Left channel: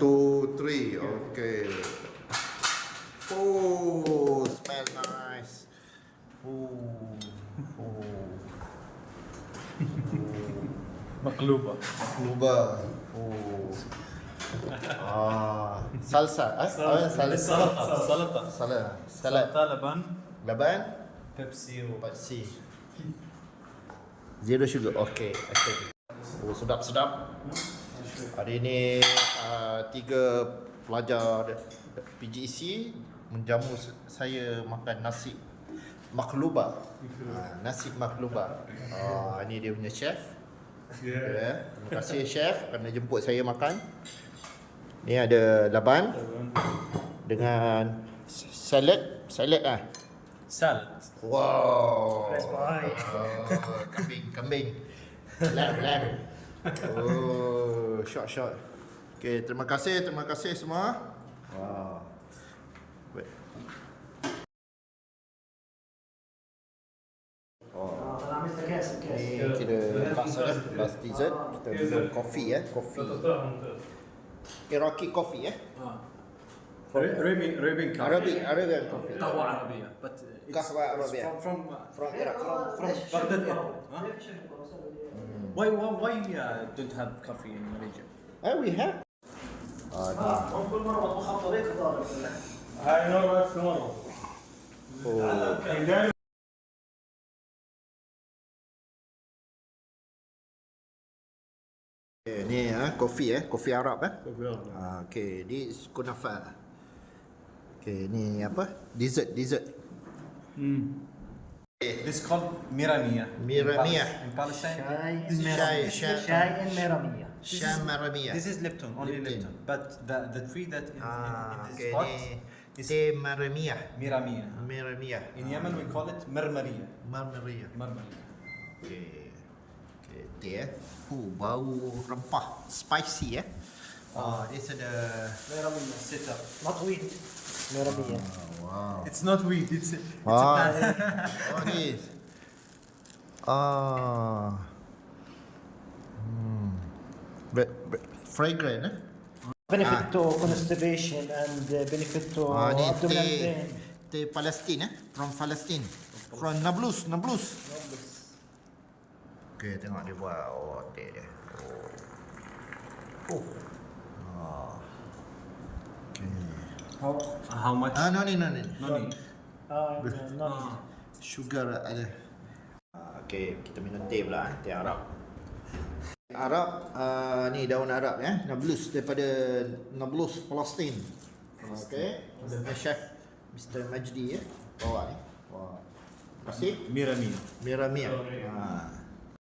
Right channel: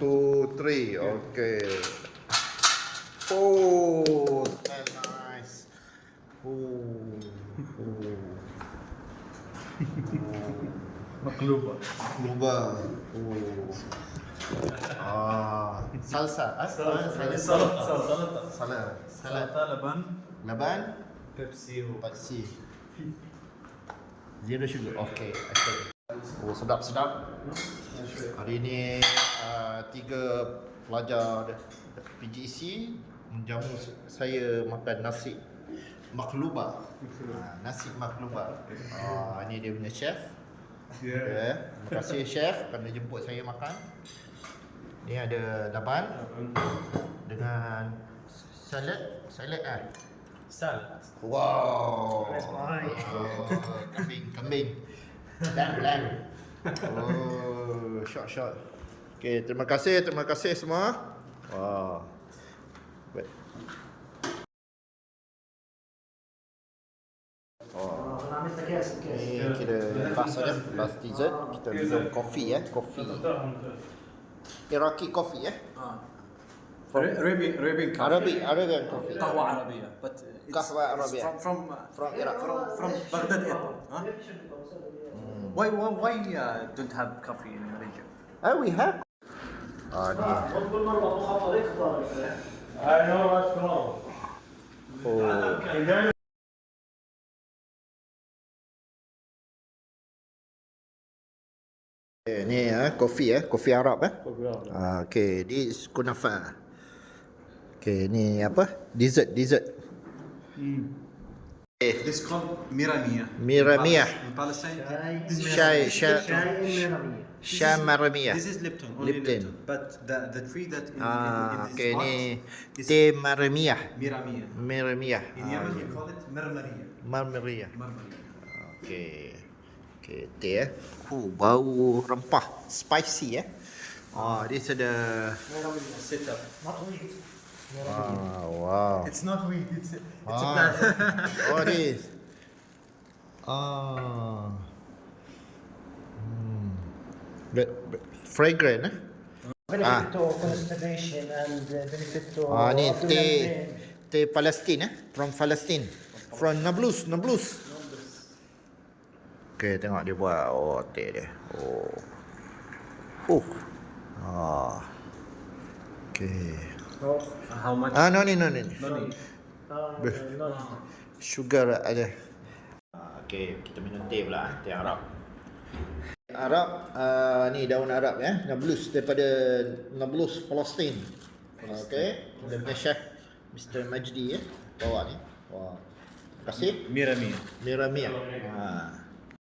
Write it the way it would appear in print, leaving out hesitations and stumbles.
2, 3. Okay. Oh, smell nice. Oh. مقلوبة. Luba. Oh. Salsa. سلطة. Salad. سلطة لبن Laban. بيبسي Paksi. Zero sugar. Okay. Oh, sedap. Hari ni 3 pelajar PGC menjamu saya makan nasi makluba. Nasi makluba. Ini dia punya chef. Yeah. Terima kasih chef kerana jemput saya makan. Ni ada laban dengan salad ah. Salad. Wow. Kambing. Lamb. Oh, shot. Okay, terima kasih semua. Wow. Baik. Ni kira last dessert. Kita minum kopi kopi. Iraqi coffee Arabian coffee. Arabian coffee. قهوة عربية. But it's قهوة عربية. From Iraq. From Baghdad airport. Huh? Why don't have coffee in the region? We have. Ni. Oh. Ni kopi Arab okey, this kunafa. Okey, ni apa? Dessert. It's called miramia. Miramia. In Palestine. Sham Maramia. This is Lipton. Only Lipton. But the tree that in okey, this pot ni is teh Maramia. miramia. In Yemen we call it marmaria. Okey, teh bau rempah, spicy this ada Sitter. Not weed. wow. It's not weed. It's a plant. This. But fragrant Benefit to constipation and benefit to ni abdominal teh pain. Palestine from Palestine, from Nablus. Okay, tengok dia buat teh dia. Okay. How much? No need. No need. Sugar ada. Okay, kita minum teh pula, teh Arab. Ni daun Arab Nablus, daripada Nablus, Palestin. Okay, dia punya chef Mr. Majdi bawa ni. Wah. Terima kasih. Miramia. Miramia.